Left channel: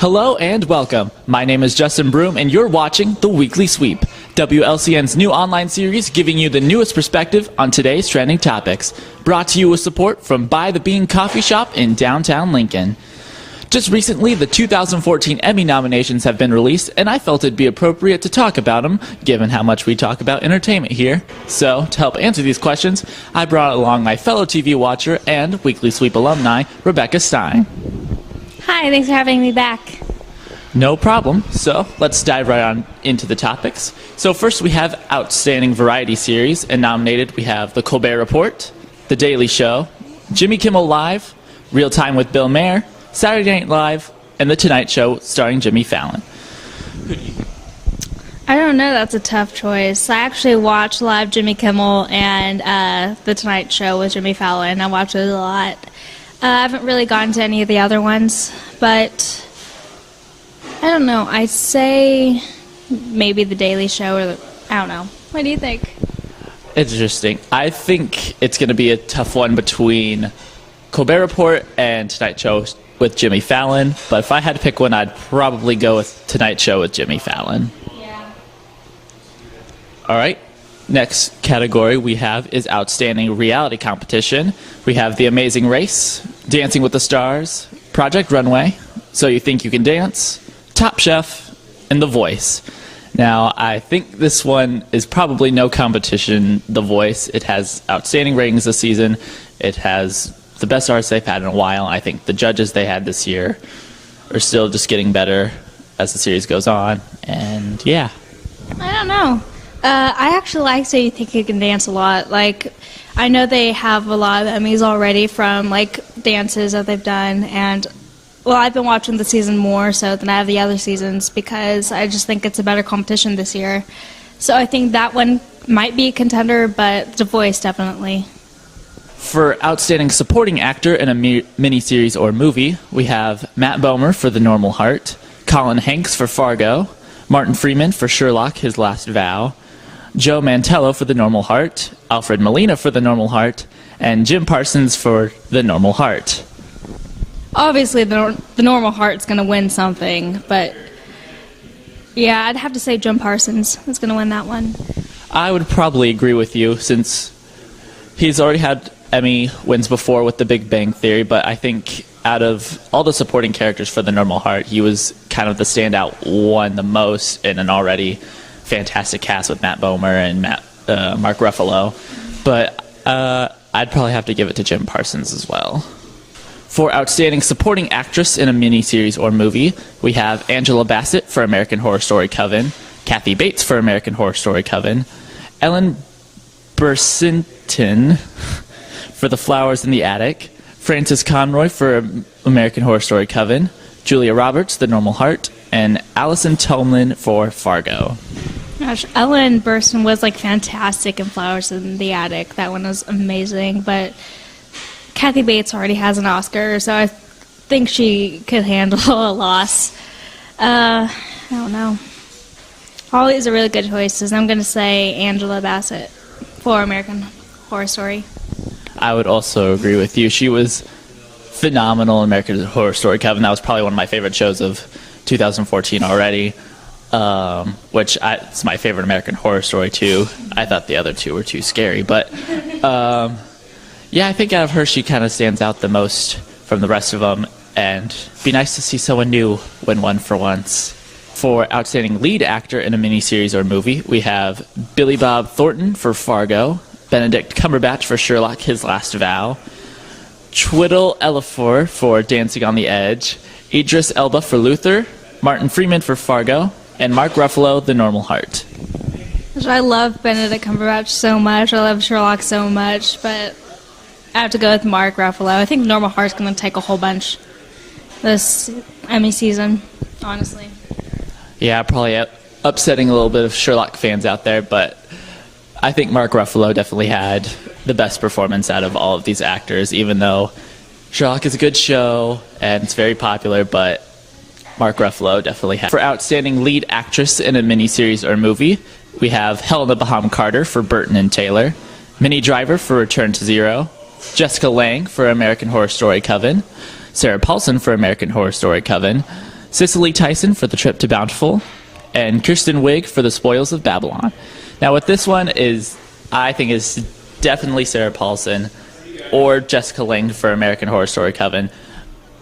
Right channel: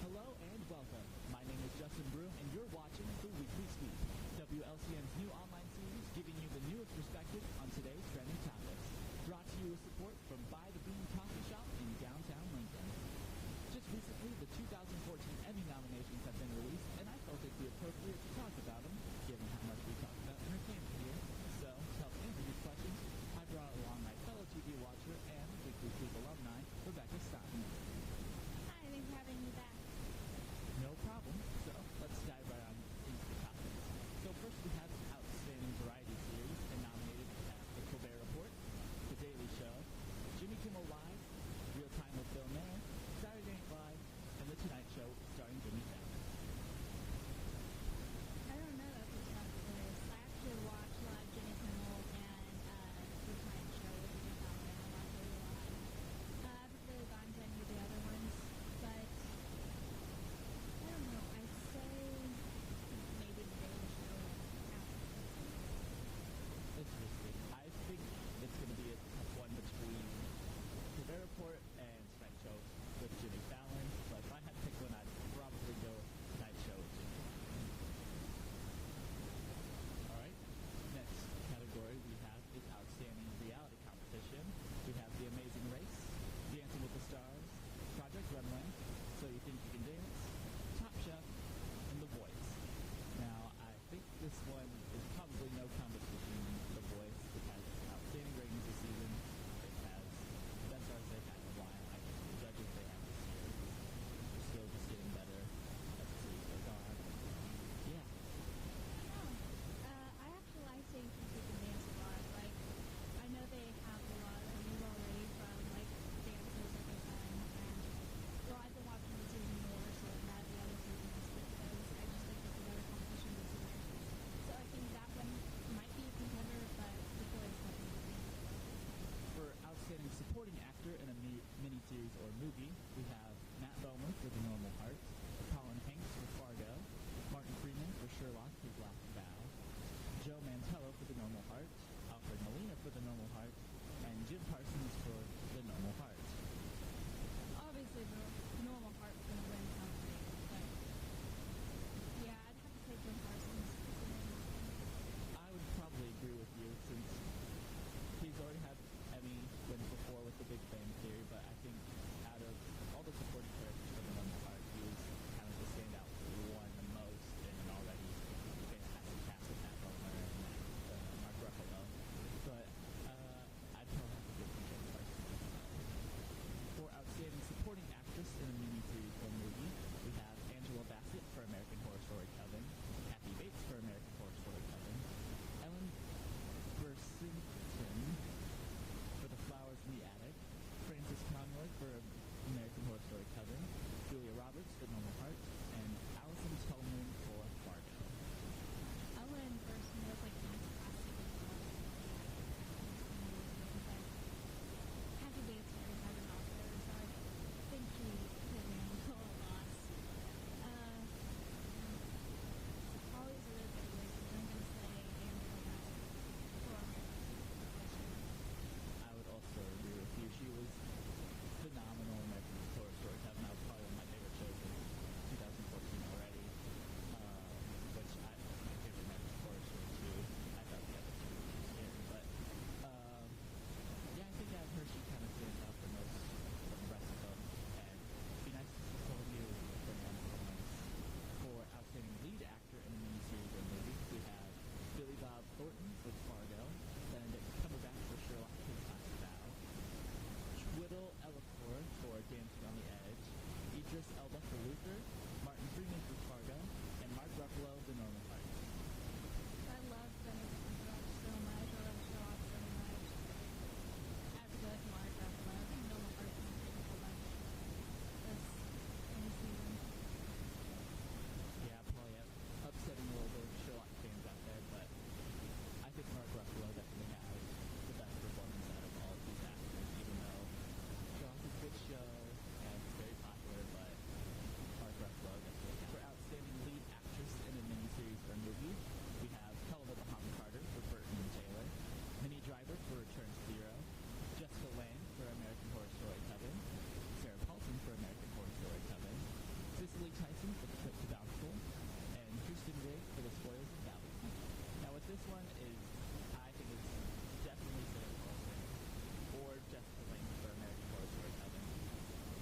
Hello and welcome. My name is Justin Broom and you're watching The Weekly Sweep, WLCN's new online series giving you the newest perspective on today's trending topics. Brought to you with support from By the Bean Coffee Shop in downtown Lincoln. Just recently, the 2014 Emmy nominations have been released, and I felt it'd be appropriate to talk about them, given how much we talk about entertainment here. So, to help answer these questions, I brought along my fellow TV watcher and Weekly Sweep alumni, Rebecca Stein. Hi, thanks for having me back. No problem. So, let's dive right on into the topics. So first we have Outstanding Variety Series, and nominated we have The Colbert Report, The Daily Show, Jimmy Kimmel Live, Real Time with Bill Maher, Saturday Night Live, and The Tonight Show starring Jimmy Fallon. I don't know, that's a tough choice. I actually watch live Jimmy Kimmel and The Tonight Show with Jimmy Fallon. I watch it a lot. I haven't really gotten to any of the other ones, but I don't know. I'd say maybe The Daily Show or I don't know. What do you think? Interesting. I think it's going to be a tough one between Colbert Report and Tonight Show with Jimmy Fallon, but if I had to pick one, I'd probably go with Tonight Show with Jimmy Fallon. Yeah. All right. Next category we have is Outstanding Reality Competition. We have The Amazing Race, Dancing with the Stars, Project Runway, So You Think You Can Dance, Top Chef, and The Voice. Now, I think this one is probably no competition, The Voice. It has outstanding ratings this season. It has the best artists they've had in a while. I think the judges they had this year are still just getting better as the series goes on. And yeah. I don't know. I actually like So You Think You Can Dance a lot. Like, I know they have a lot of Emmys already from, like, dances that they've done. And, well, I've been watching the season more so than I have the other seasons because I just think it's a better competition this year. So I think that one might be a contender, but The Voice definitely. For Outstanding Supporting Actor in a Miniseries or Movie, we have Matt Bomer for The Normal Heart, Colin Hanks for Fargo, Martin Freeman for Sherlock, His Last Vow, Joe Mantello for The Normal Heart, Alfred Molina for The Normal Heart, and Jim Parsons for The Normal Heart. Obviously, the Normal Heart's going to win something, but yeah, I'd have to say Jim Parsons is going to win that one. I would probably agree with you since he's already had Emmy wins before with The Big Bang Theory, but I think out of all the supporting characters for The Normal Heart, he was kind of the standout one the most in an already fantastic cast with Matt Bomer and Mark Ruffalo. But I'd probably have to give it to Jim Parsons as well. For Outstanding Supporting Actress in a Miniseries or Movie, we have Angela Bassett for American Horror Story Coven, Kathy Bates for American Horror Story Coven, Ellen Burstyn for The Flowers in the Attic, Frances Conroy for American Horror Story Coven, Julia Roberts, The Normal Heart, and Allison Tolman for Fargo. Gosh, Ellen Burstyn was like fantastic in Flowers in the Attic. That one was amazing, but Kathy Bates already has an Oscar, so I think she could handle a loss. I don't know. All these are really good choices. I'm going to say Angela Bassett for American Horror Story. I would also agree with you. She was phenomenal in American Horror Story Coven. That was probably one of my favorite shows of 2014 already, it's my favorite American Horror Story too. I thought the other two were too scary, but yeah, I think out of her she kind of stands out the most from the rest of them, and it'd be nice to see someone new win one for once. For Outstanding Lead Actor in a Miniseries or Movie, we have Billy Bob Thornton for Fargo, Benedict Cumberbatch for Sherlock, His Last Vow, Chiwetel Ejiofor for Dancing on the Edge, Idris Elba for Luther, Martin Freeman for Fargo, and Mark Ruffalo, The Normal Heart. I love Benedict Cumberbatch so much. I love Sherlock so much, but I have to go with Mark Ruffalo. I think Normal Heart's going to take a whole bunch this Emmy season, honestly. Yeah, probably upsetting a little bit of Sherlock fans out there, but I think Mark Ruffalo definitely had the best performance out of all of these actors, even though Sherlock is a good show and it's very popular, but Mark Ruffalo definitely had. For Outstanding Lead Actress in a Miniseries or Movie, we have Helena Bonham Carter for Burton and Taylor, Minnie Driver for Return to Zero, Jessica Lange for American Horror Story Coven, Sarah Paulson for American Horror Story Coven, Cicely Tyson for The Trip to Bountiful, and Kirsten Wiig for The Spoils of Babylon. Now, with this one I think is definitely Sarah Paulson or Jessica Lange for American Horror Story Coven.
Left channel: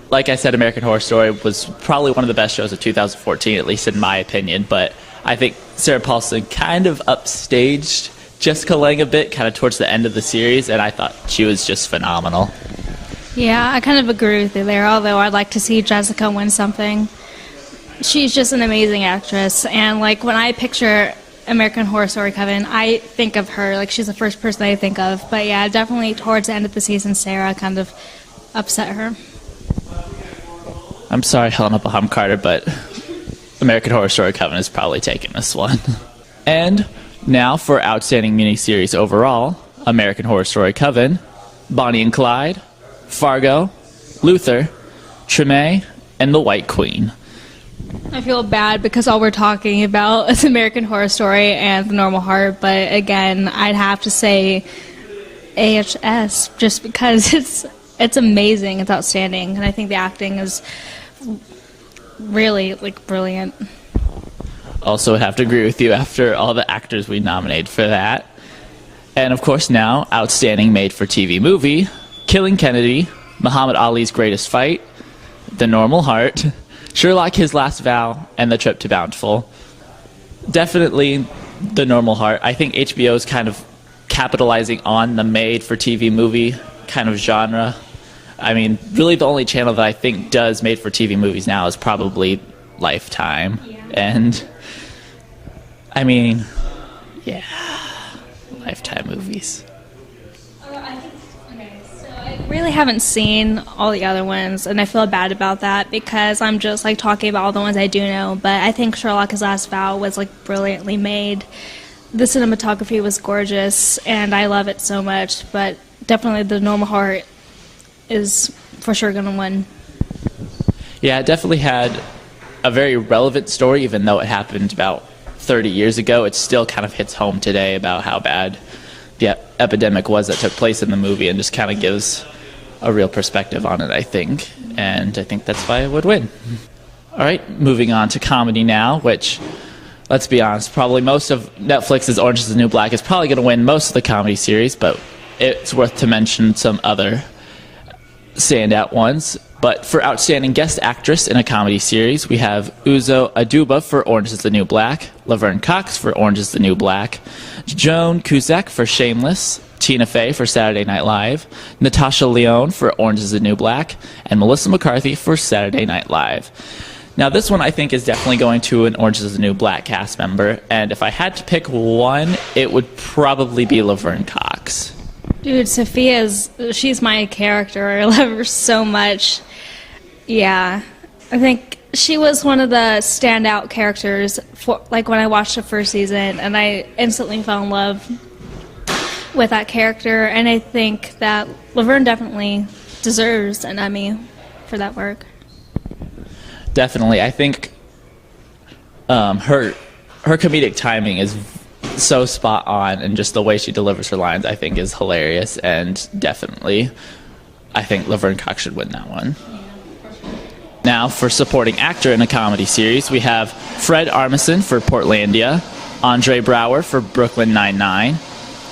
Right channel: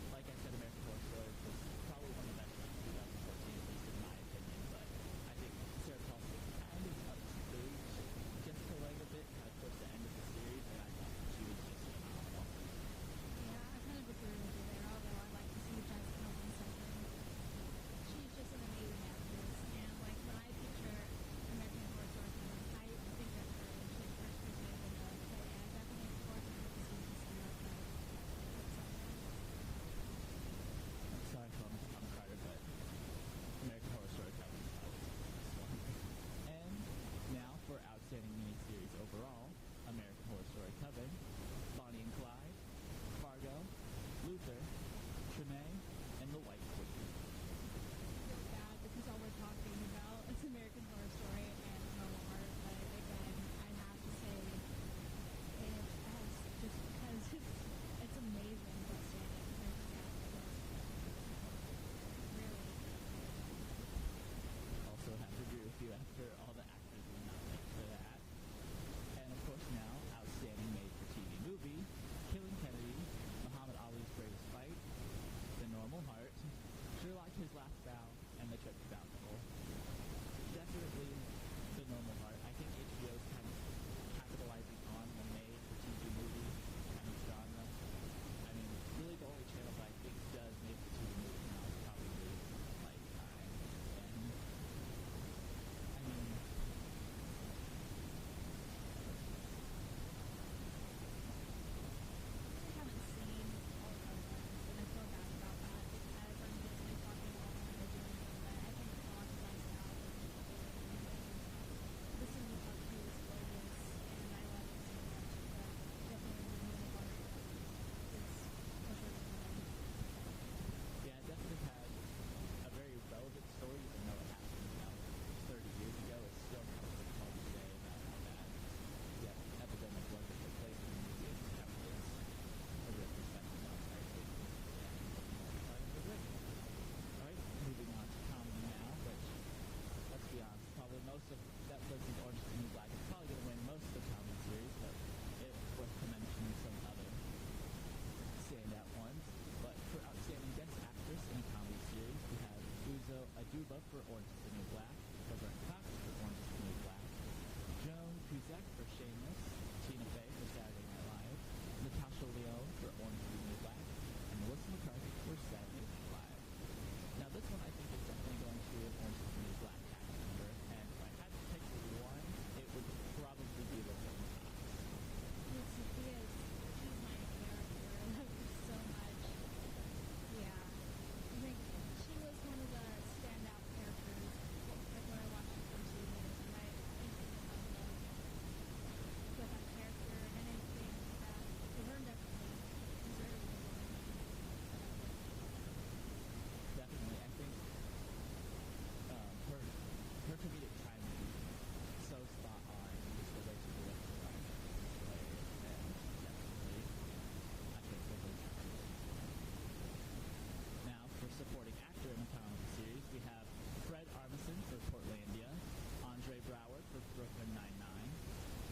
Like I said, American Horror Story was probably one of the best shows of 2014, at least in my opinion, but I think Sarah Paulson kind of upstaged Jessica Lange a bit, kind of towards the end of the series, and I thought she was just phenomenal. Yeah, I kind of agree with you there, although I'd like to see Jessica win something. She's just an amazing actress, and like when I picture American Horror Story Coven, I think of her. Like, she's the first person I think of. But yeah, definitely towards the end of the season, Sarah kind of upset her. I'm sorry, Helena Bonham Carter, but American Horror Story Coven is probably taking this one. And now for Outstanding Miniseries overall, American Horror Story Coven, Bonnie and Clyde, Fargo, Luther, Treme, and The White Queen. I feel bad because all we're talking about is American Horror Story and The Normal Heart, but again, I'd have to say AHS just because it's amazing, it's outstanding, and I think the acting is really brilliant. Also would have to agree with you after all the actors we nominated for that. And of course now, Outstanding Made-for-TV Movie, Killing Kennedy, Muhammad Ali's Greatest Fight, The Normal Heart, Sherlock, His Last Vow, and The Trip to Bountiful. Definitely The Normal Heart. I think HBO is kind of capitalizing on the made-for-TV movie kind of genre. I mean, really the only channel that I think does made-for-TV movies now is probably Lifetime. Yeah. And, I mean, yeah, Lifetime movies. I really haven't seen all the other ones, and I feel bad about that because I'm just like talking about all the ones I do know. But I think Sherlock: His Last Vow was like brilliantly made. The cinematography was gorgeous, and I love it so much. But definitely, The Normal Heart is for sure going to win. Yeah, it definitely had a very relevant story, even though it happened about 30 years ago. It still kind of hits home today about how bad the epidemic was that took place in the movie, and just kind of gives a real perspective on it, I think. And I think that's why it would win. All right, moving on to comedy now, which, let's be honest, probably most of Netflix's Orange is the New Black is probably going to win most of the comedy series, but it's worth to mention some other standout ones. But for Outstanding Guest Actress in a Comedy Series, we have Uzo Aduba for Orange is the New Black, Laverne Cox for Orange is the New Black, Joan Cusack for Shameless, Tina Fey for Saturday Night Live, Natasha Lyonne for Orange is the New Black, and Melissa McCarthy for Saturday Night Live. Now, this one I think is definitely going to an Orange is the New Black cast member, and if I had to pick one, it would probably be Laverne Cox. Dude, she's my character. I love her so much. Yeah, I think she was one of the standout characters for, like, when I watched the first season, and I instantly fell in love with that character, and I think that Laverne definitely deserves an Emmy for that work. Definitely. I think her comedic timing is so spot on, and just the way she delivers her lines, I think, is hilarious, and definitely I think Laverne Cox should win that one. Now, for supporting actor in a comedy series, we have Fred Armisen for Portlandia, Andre Braugher for Brooklyn Nine-Nine,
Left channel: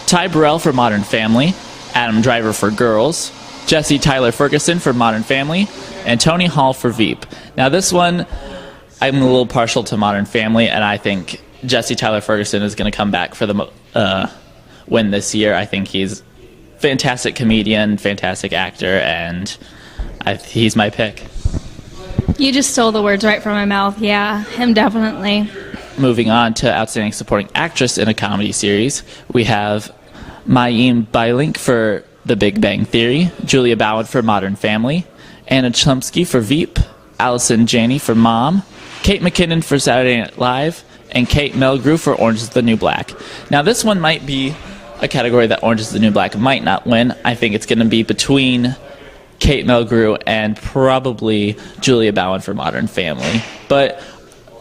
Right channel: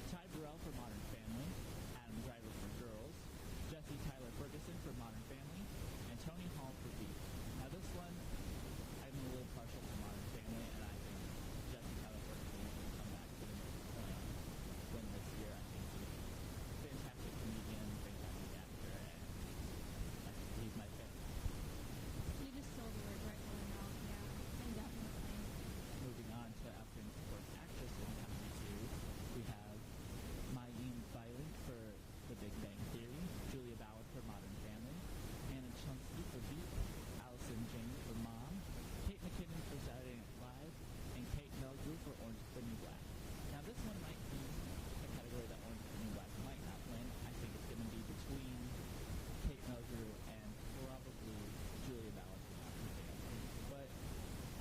Ty Burrell for Modern Family, Adam Driver for Girls, Jesse Tyler Ferguson for Modern Family, and Tony Hall for Veep. Now, this one, I'm a little partial to Modern Family, and I think Jesse Tyler Ferguson is going to come back for the win this year. I think he's a fantastic comedian, fantastic actor, and he's my pick. You just stole the words right from my mouth. Yeah, him definitely. Moving on to Outstanding Supporting Actress in a Comedy Series, we have Mayim Bialik for The Big Bang Theory, Julia Bowen for Modern Family, Anna Chlumsky for Veep, Allison Janney for Mom, Kate McKinnon for Saturday Night Live, and Kate Mulgrew for Orange is the New Black. Now, this one might be a category that Orange is the New Black might not win. I think it's going to be between Kate Mulgrew and probably Julia Bowen for Modern Family. But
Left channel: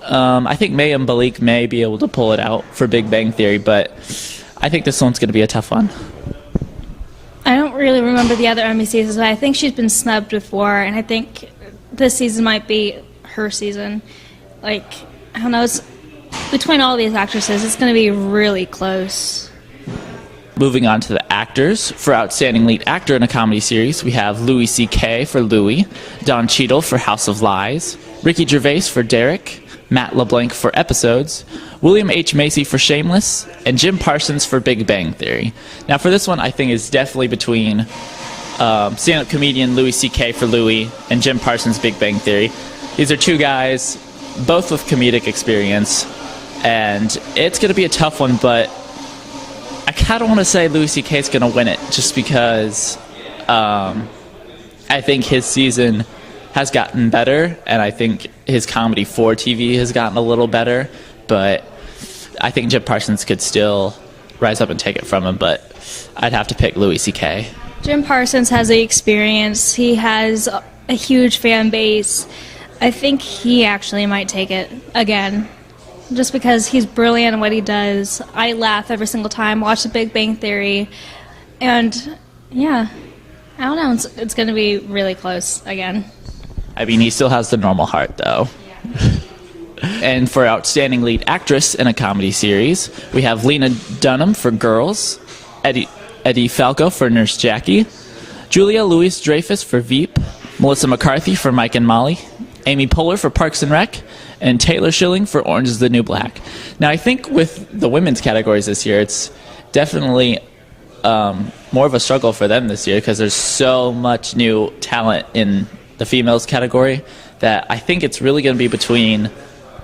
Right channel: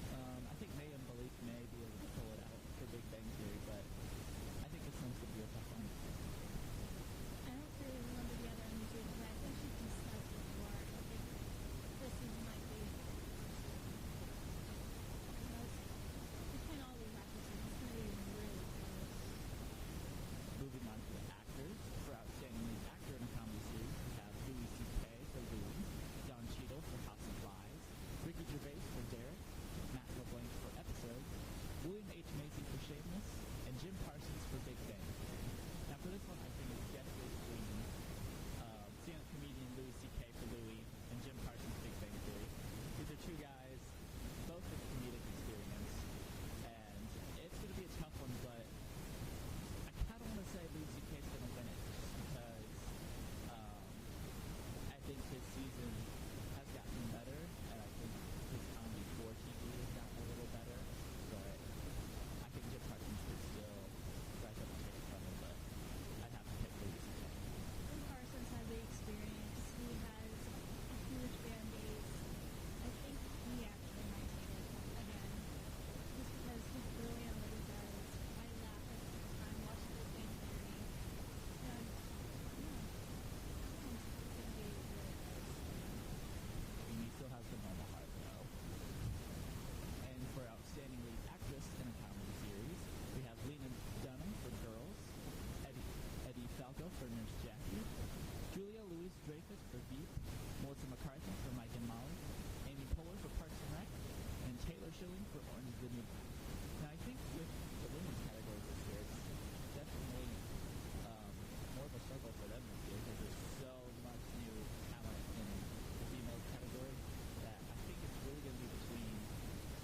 I think Mayim Bialik may be able to pull it out for Big Bang Theory, but I think this one's going to be a tough one. I don't really remember the other Emmy seasons, but I think she's been snubbed before, and I think this season might be her season. Like, I don't know, it's between all these actresses, it's going to be really close. Moving on to the actors. For Outstanding Lead Actor in a Comedy Series, we have Louis C.K. for Louis, Don Cheadle for House of Lies, Ricky Gervais for Derek, Matt LeBlanc for Episodes, William H. Macy for Shameless, and Jim Parsons for Big Bang Theory. Now for this one, I think it's definitely between stand-up comedian Louis C.K. for Louis and Jim Parsons' Big Bang Theory. These are two guys, both with comedic experience, and it's going to be a tough one, but I kind of want to say Louis C.K. is going to win it just because I think his season has gotten better, and I think his comedy for TV has gotten a little better, but I think Jim Parsons could still rise up and take it from him, but I'd have to pick Louis C.K. Jim Parsons has the experience. He has a huge fan base. I think he actually might take it again, just because he's brilliant at what he does. I laugh every single time, watch The Big Bang Theory, and yeah, I don't know, it's going to be really close again. I mean, he still has the normal heart, though. And for Outstanding Lead Actress in a Comedy Series, we have Lena Dunham for Girls, Eddie Falco for Nurse Jackie, Julia Louis-Dreyfus for Veep, Melissa McCarthy for Mike and Molly, Amy Poehler for Parks and Rec, and Taylor Schilling for Orange is the New Black. Now, I think with the women's categories this year, it's definitely more of a struggle for them this year because there's so much new talent in the females category that I think it's really going to be between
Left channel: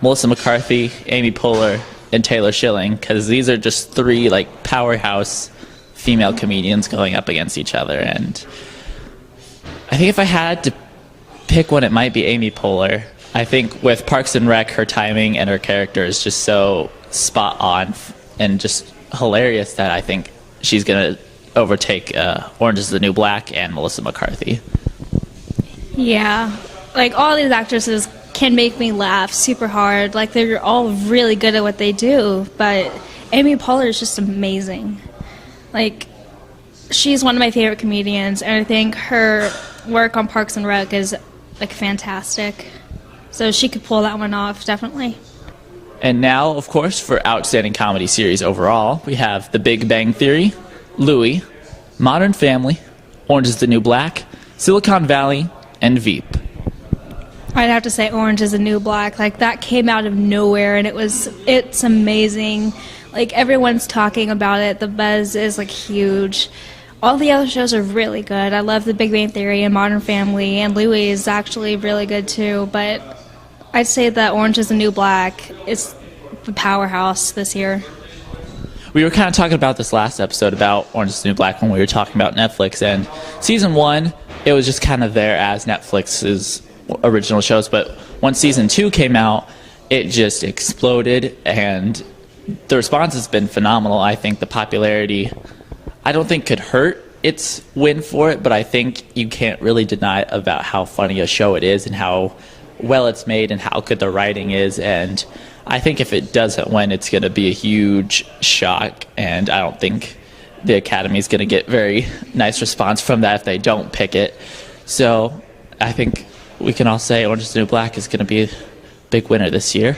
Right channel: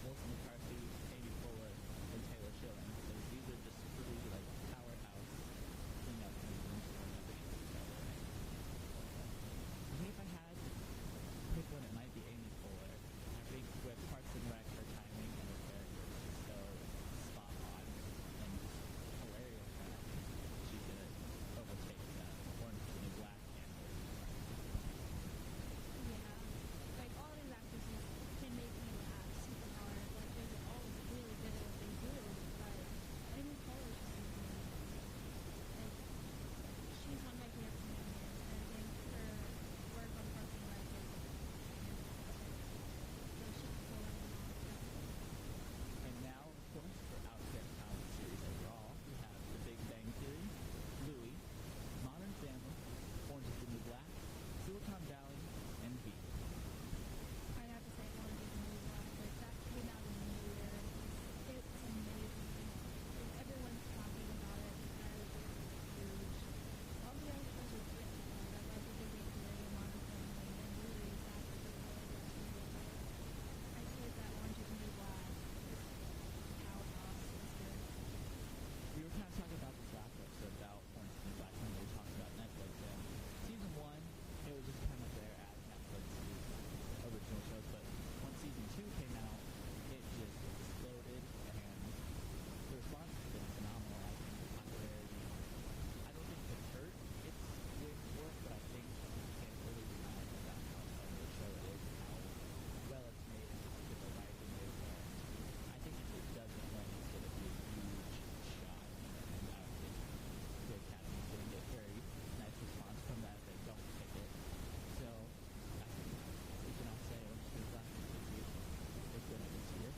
Melissa McCarthy, Amy Poehler, and Taylor Schilling, because these are just three like powerhouse female comedians going up against each other. And I think if I had to pick one, it might be Amy Poehler. I think with Parks and Rec, her timing and her character is just so spot on and just hilarious that I think she's going to overtake Orange is the New Black and Melissa McCarthy. Yeah, like all these actresses can make me laugh super hard. Like they're all really good at what they do, but Amy Poehler is just amazing. Like she's one of my favorite comedians, and I think her work on Parks and Rec is like fantastic. So she could pull that one off, definitely. And now, of course, for Outstanding Comedy Series overall, we have The Big Bang Theory, Louis, Modern Family, Orange is the New Black, Silicon Valley, and Veep. I'd have to say Orange is the New Black. Like that came out of nowhere, and it's amazing. Like everyone's talking about it. The buzz is like huge. All the other shows are really good. I love The Big Bang Theory and Modern Family, and Louis is actually really good too. But I'd say that Orange is the New Black is the powerhouse this year. We were kind of talking about this last episode about Orange is the New Black when we were talking about Netflix. And season 1, it was just kind of there as Netflix's original shows. But once season 2 came out, it just exploded. And the response has been phenomenal. I think the popularity, I don't think could hurt its win for it. But I think you can't really deny about how funny a show it is and how well it's made and how good the writing is. And I think if it doesn't win, it's going to be a huge shock, and I don't think the Academy is going to get very nice response from that if they don't pick it. So I think we can all say Orange is the New Black is going to be a big winner this year.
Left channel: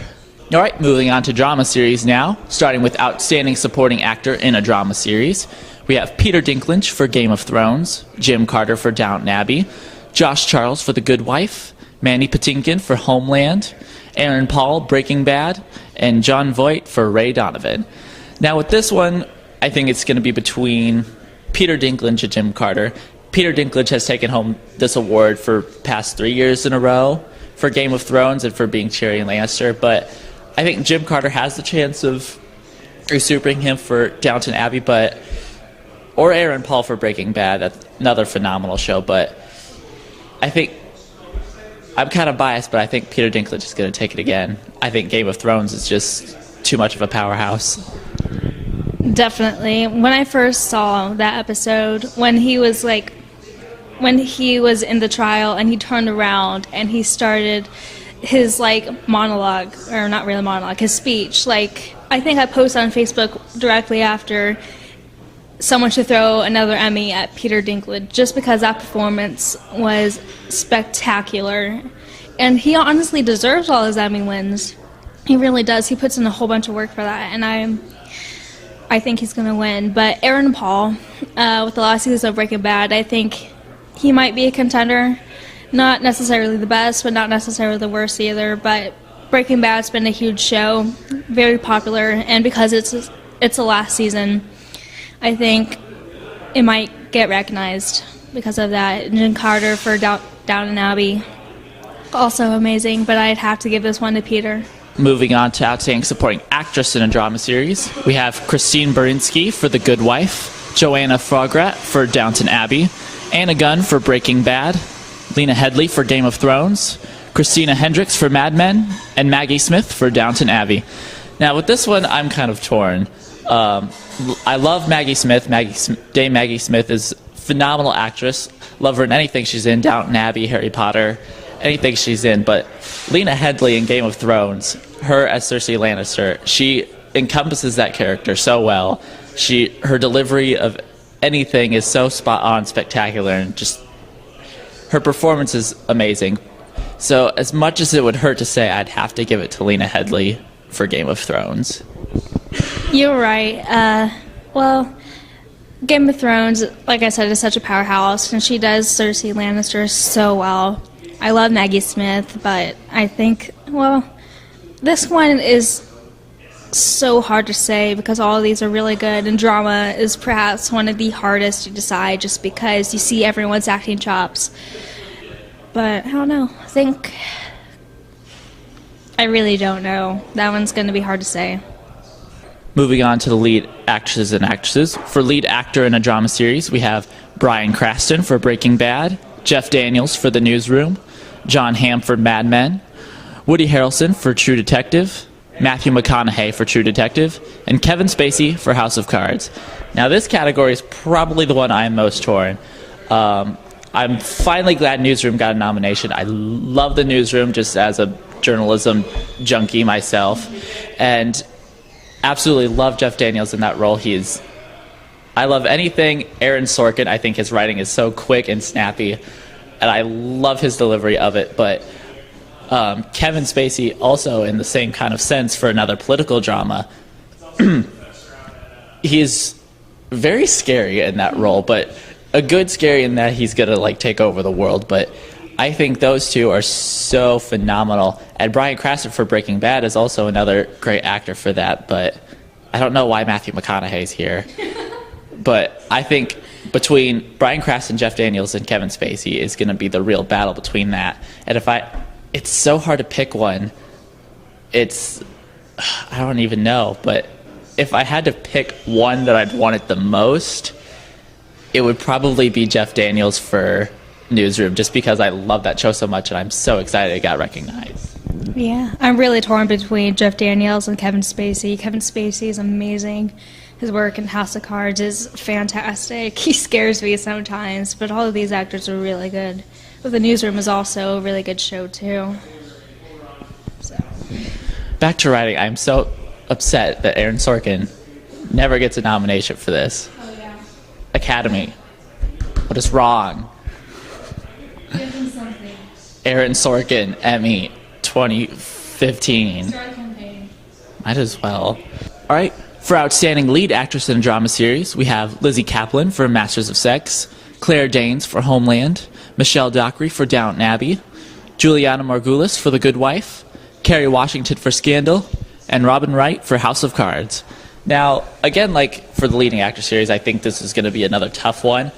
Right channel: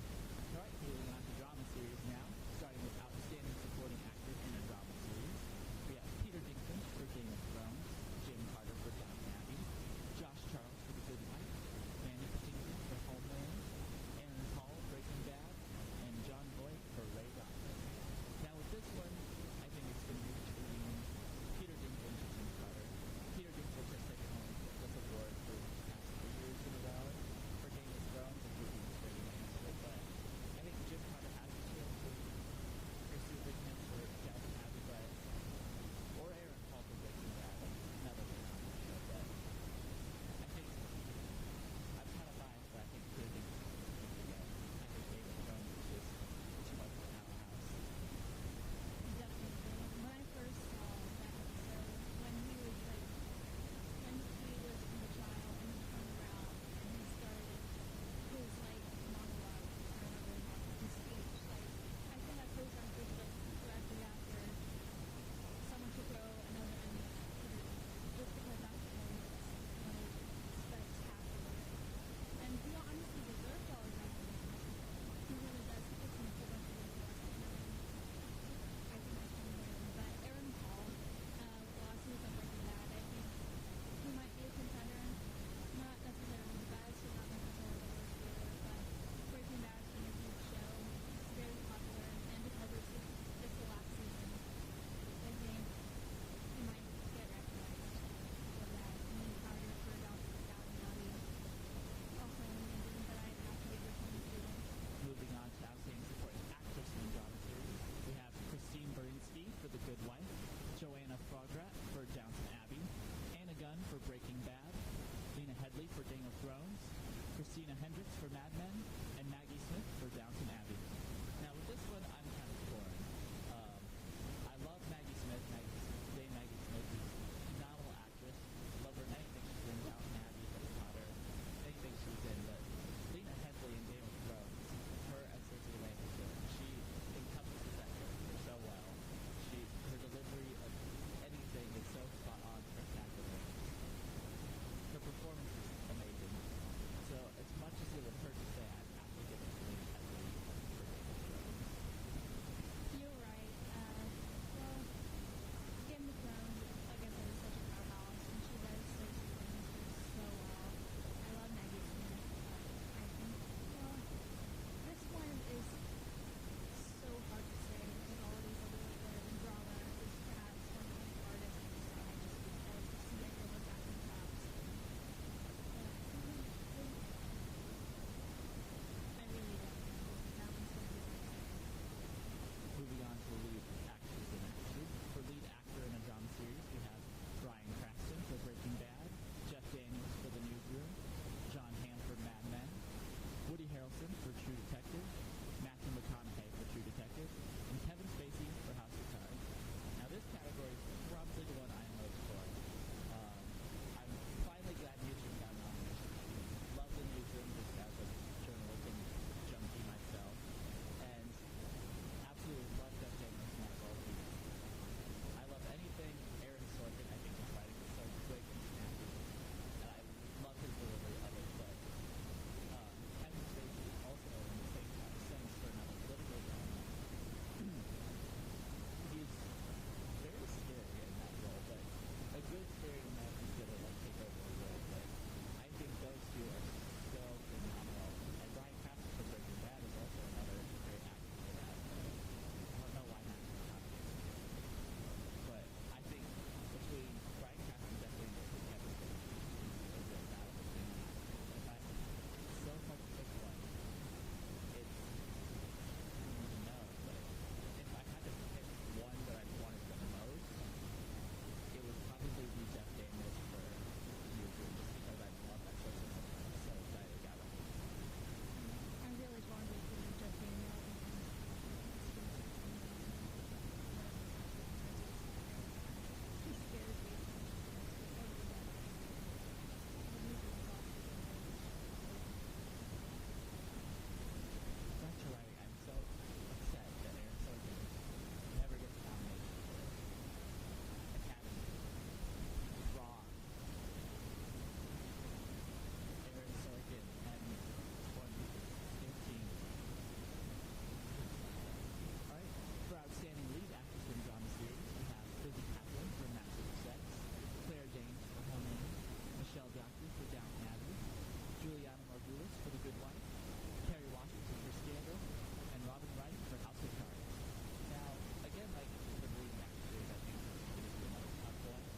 All right, moving on to drama series now, starting with Outstanding Supporting Actor in a Drama Series. We have Peter Dinklage for Game of Thrones, Jim Carter for Downton Abbey, Josh Charles for The Good Wife, Mandy Patinkin for Homeland, Aaron Paul, Breaking Bad, and Jon Voight for Ray Donovan. Now with this one, I think it's going to be between Peter Dinklage and Jim Carter. Peter Dinklage has taken home this award for past 3 years in a row for Game of Thrones and for being Tyrion Lannister, but I think Jim Carter has the chance of usurping him for Downton Abbey, or Aaron Paul for Breaking Bad. That's another phenomenal show, but I think I'm kind of biased, but I think Peter Dinklage is going to take it again. I think Game of Thrones is just too much of a powerhouse. Definitely. When I first saw that episode, when he was in the trial and he turned around and he started his monologue, or not really monologue, his speech. I think I posted on Facebook directly after, someone should throw another Emmy at Peter Dinklage, just because that performance was spectacular. And he honestly deserves all his Emmy wins. He really does. He puts in a whole bunch of work for that, and I think he's going to win. But Aaron Paul, with the last season of Breaking Bad, I think he might be a contender. Not necessarily the best, but not necessarily the worst either. But Breaking Bad's been a huge show, very popular, and because it's the last season, I think it might get recognized because of that. Jen Carter for Downton Abbey, also amazing, but I'd have to give this one to Peter. Moving on to Outstanding Supporting Actress in a Drama Series, we have Christine Baranski for The Good Wife, Joanna Frograt for Downton Abbey, Anna Gunn for Breaking Bad, Lena Headey for Game of Thrones, Christina Hendricks for Mad Men, and Maggie Smith for Downton Abbey. Now, with this one, I'm kind of torn. I love Maggie Smith. Dame Maggie Smith is a phenomenal actress. Love her in anything she's in, Downton Abbey, Harry Potter, anything she's in. But Lena Headey in Game of Thrones, her as Cersei Lannister, she encompasses that character so well. Her delivery of anything is so spot on, spectacular, and just her performance is amazing. So as much as it would hurt to say, I'd have to give it to Lena Headey for Game of Thrones. You're right. Well, Game of Thrones, like I said, is such a powerhouse, and she does Cersei Lannister so well. I love Maggie Smith, but I think, well, this one is so hard to say because all of these are really good, and drama is perhaps one of the hardest to decide just because you see everyone's acting chops. But I don't know. I really don't know. That one's going to be hard to say. Moving on to the lead actresses and actresses. For lead actor in a drama series, we have Bryan Cranston for Breaking Bad, Jeff Daniels for The Newsroom, Jon Hamm for Mad Men, Woody Harrelson for True Detective, Matthew McConaughey for True Detective, and Kevin Spacey for House of Cards. Now, this category is probably the one I'm most torn. I'm finally glad Newsroom got a nomination. I love The Newsroom just as a journalism junkie myself, and absolutely love Jeff Daniels in that role. I love anything Aaron Sorkin. I think his writing is so quick and snappy, and I love his delivery of it. But Kevin Spacey also in the same kind of sense for another political drama. He's very scary in that role, but a good scary in that he's gonna like take over the world. But I think those two are so phenomenal. And Bryan Cranston for Breaking Bad is also another great actor for that. But I don't know why Matthew McConaughey's here. But I think between Bryan Cranston, Jeff Daniels, and Kevin Spacey is going to be the real battle between that. And it's so hard to pick one. I don't even know. But if I had to pick one that I'd want it the most, it would probably be Jeff Daniels for Newsroom, just because I love that show so much and I'm so excited it got recognized. Yeah, I'm really torn between Jeff Daniels and Kevin Spacey. Kevin Spacey is amazing. His work in House of Cards is fantastic. He scares me sometimes, but all of these actors are really good. But The Newsroom is also a really good show, too. So. Back to writing, I'm so upset that Aaron Sorkin never gets a nomination for this. Oh, yeah. Academy, what is wrong? Give him something. Aaron Sorkin, Emmy, 2015. Start a campaign. Might as well. All right. For Outstanding Lead Actress in a Drama Series, we have Lizzie Kaplan for Masters of Sex, Claire Danes for Homeland, Michelle Dockery for Downton Abbey, Juliana Margulis for The Good Wife, Kerry Washington for Scandal, and Robin Wright for House of Cards. Now, again, like for the leading actor series, I think this is going to be another tough one.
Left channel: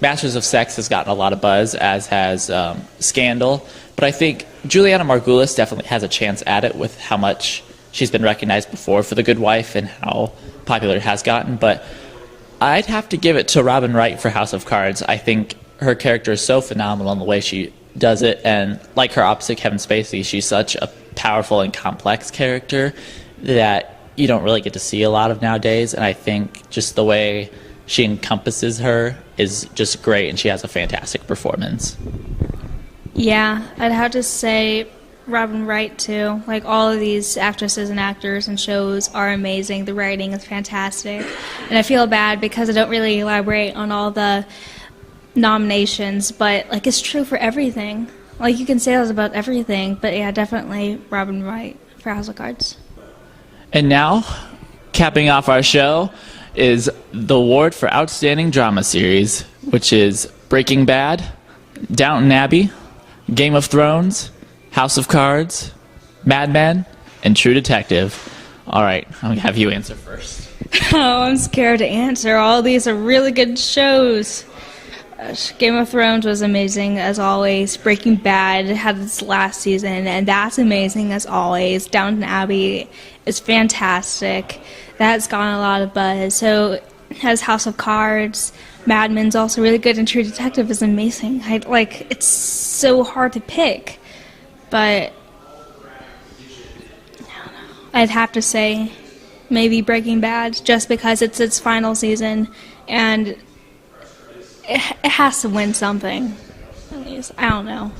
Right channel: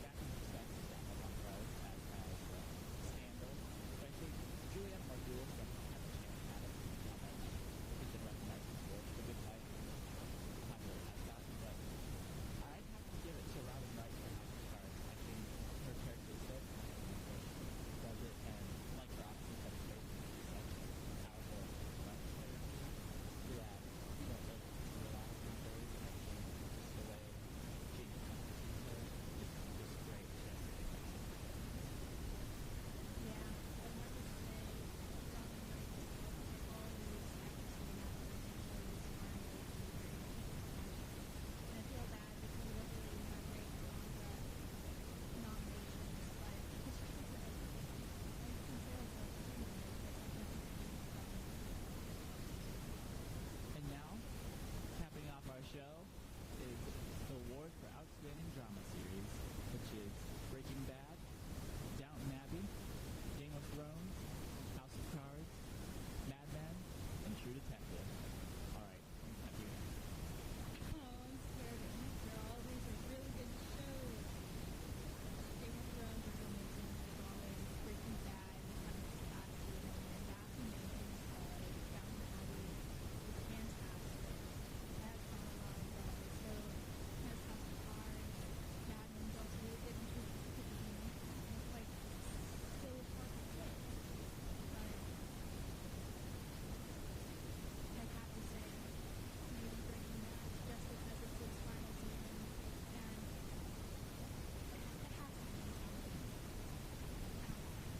Masters of Sex has gotten a lot of buzz, as has Scandal. But I think Juliana Margulis definitely has a chance at it with how much she's been recognized before for The Good Wife and how popular it has gotten. But I'd have to give it to Robin Wright for House of Cards. I think her character is so phenomenal in the way she does it. And like her opposite, Kevin Spacey, she's such a powerful and complex character that you don't really get to see a lot of nowadays. And I think just the way she encompasses her is just great, and she has a fantastic performance. Yeah, I'd have to say Robin Wright, too. Like, all of these actresses and actors and shows are amazing. The writing is fantastic. And I feel bad because I don't really elaborate on all the nominations, but, like, it's true for everything. Like, you can say that about everything, but yeah, definitely Robin Wright for House of Cards. And now, capping off our show, is the award for Outstanding Drama Series, which is Breaking Bad, Downton Abbey, Game of Thrones, House of Cards, Mad Men, and True Detective. All right, I'm going to have you answer first. Oh, I'm scared to answer. All these are really good shows. Game of Thrones was amazing as always. Breaking Bad had its last season, and that's amazing as always. Downton Abbey is fantastic. That's gotten a lot of buzz. So has House of Cards. Mad Men's also really good, and True Detective is amazing. It's so hard to pick, but I'd have to say maybe Breaking Bad, just because it's its final season, and it has to win something. At least, I don't know.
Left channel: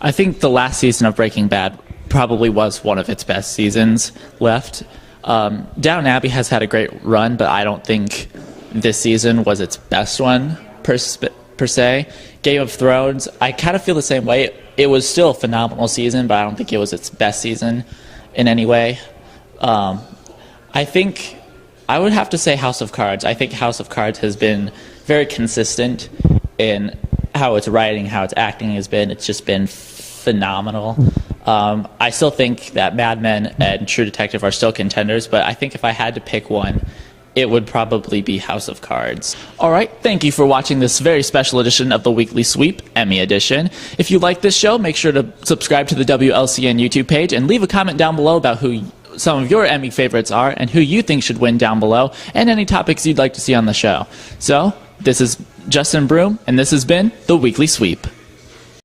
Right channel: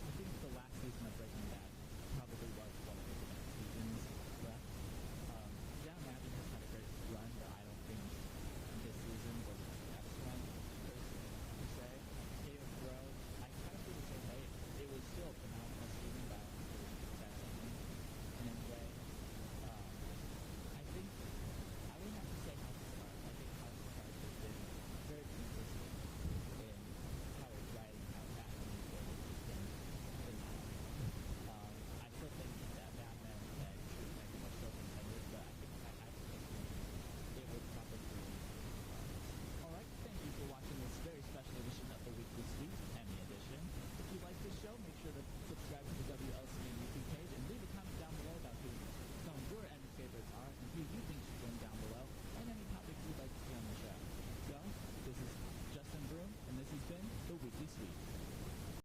I think the last season of Breaking Bad probably was one of its best seasons left. Downton Abbey has had a great run, but I don't think this season was its best one per se. Game of Thrones, I kind of feel the same way. It was still a phenomenal season, but I don't think it was its best season in any way. I think I would have to say House of Cards. I think House of Cards has been very consistent in how its writing, how its acting has been. It's just been phenomenal. I still think that Mad Men and True Detective are still contenders, but I think if I had to pick one, it would probably be House of Cards. All right, thank you for watching this very special edition of the Weekly Sweep, Emmy edition. If you like this show, make sure to subscribe to the WLCN YouTube page and leave a comment down below about who some of your Emmy favorites are and who you think should win down below, and any topics you'd like to see on the show. So, this is Justin Broom, and this has been the Weekly Sweep.